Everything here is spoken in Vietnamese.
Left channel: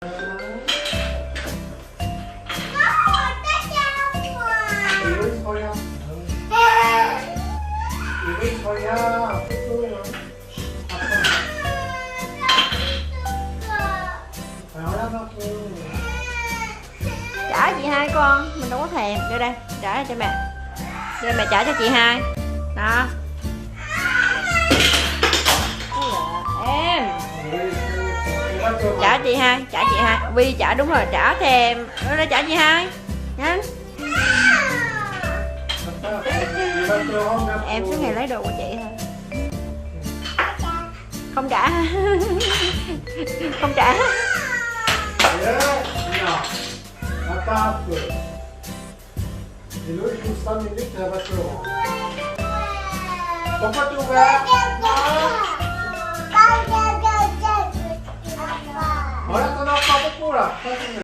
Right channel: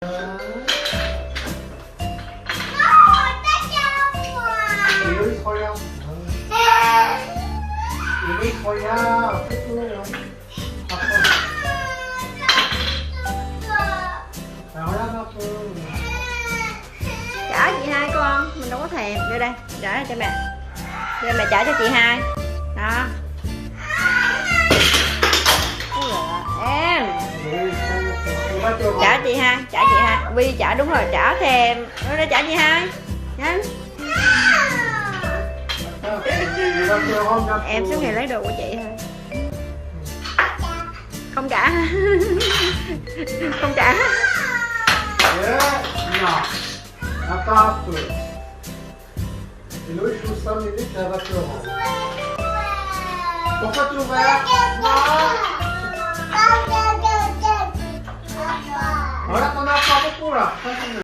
Iwi soya. Iwi soya. Betul. Apa? Nào đó không? Trả chị hai con, mình đâu có thèm. Đưa đây, trả cho mẹ. Đưa mẹ trả cho chị hai. Đó. Ui giời, em. Trả chị hai, trả chị hai. Vi trả đúng rồi, trả thèm. Đưa đây trả chị hai. Nhanh. Em suốt ngày lấy đồ của chị thôi. Không trả. Không trả. Nhỏ. Apa? Ini susah ini cara tu. Apa tu ba? Orang tu nak apa pula?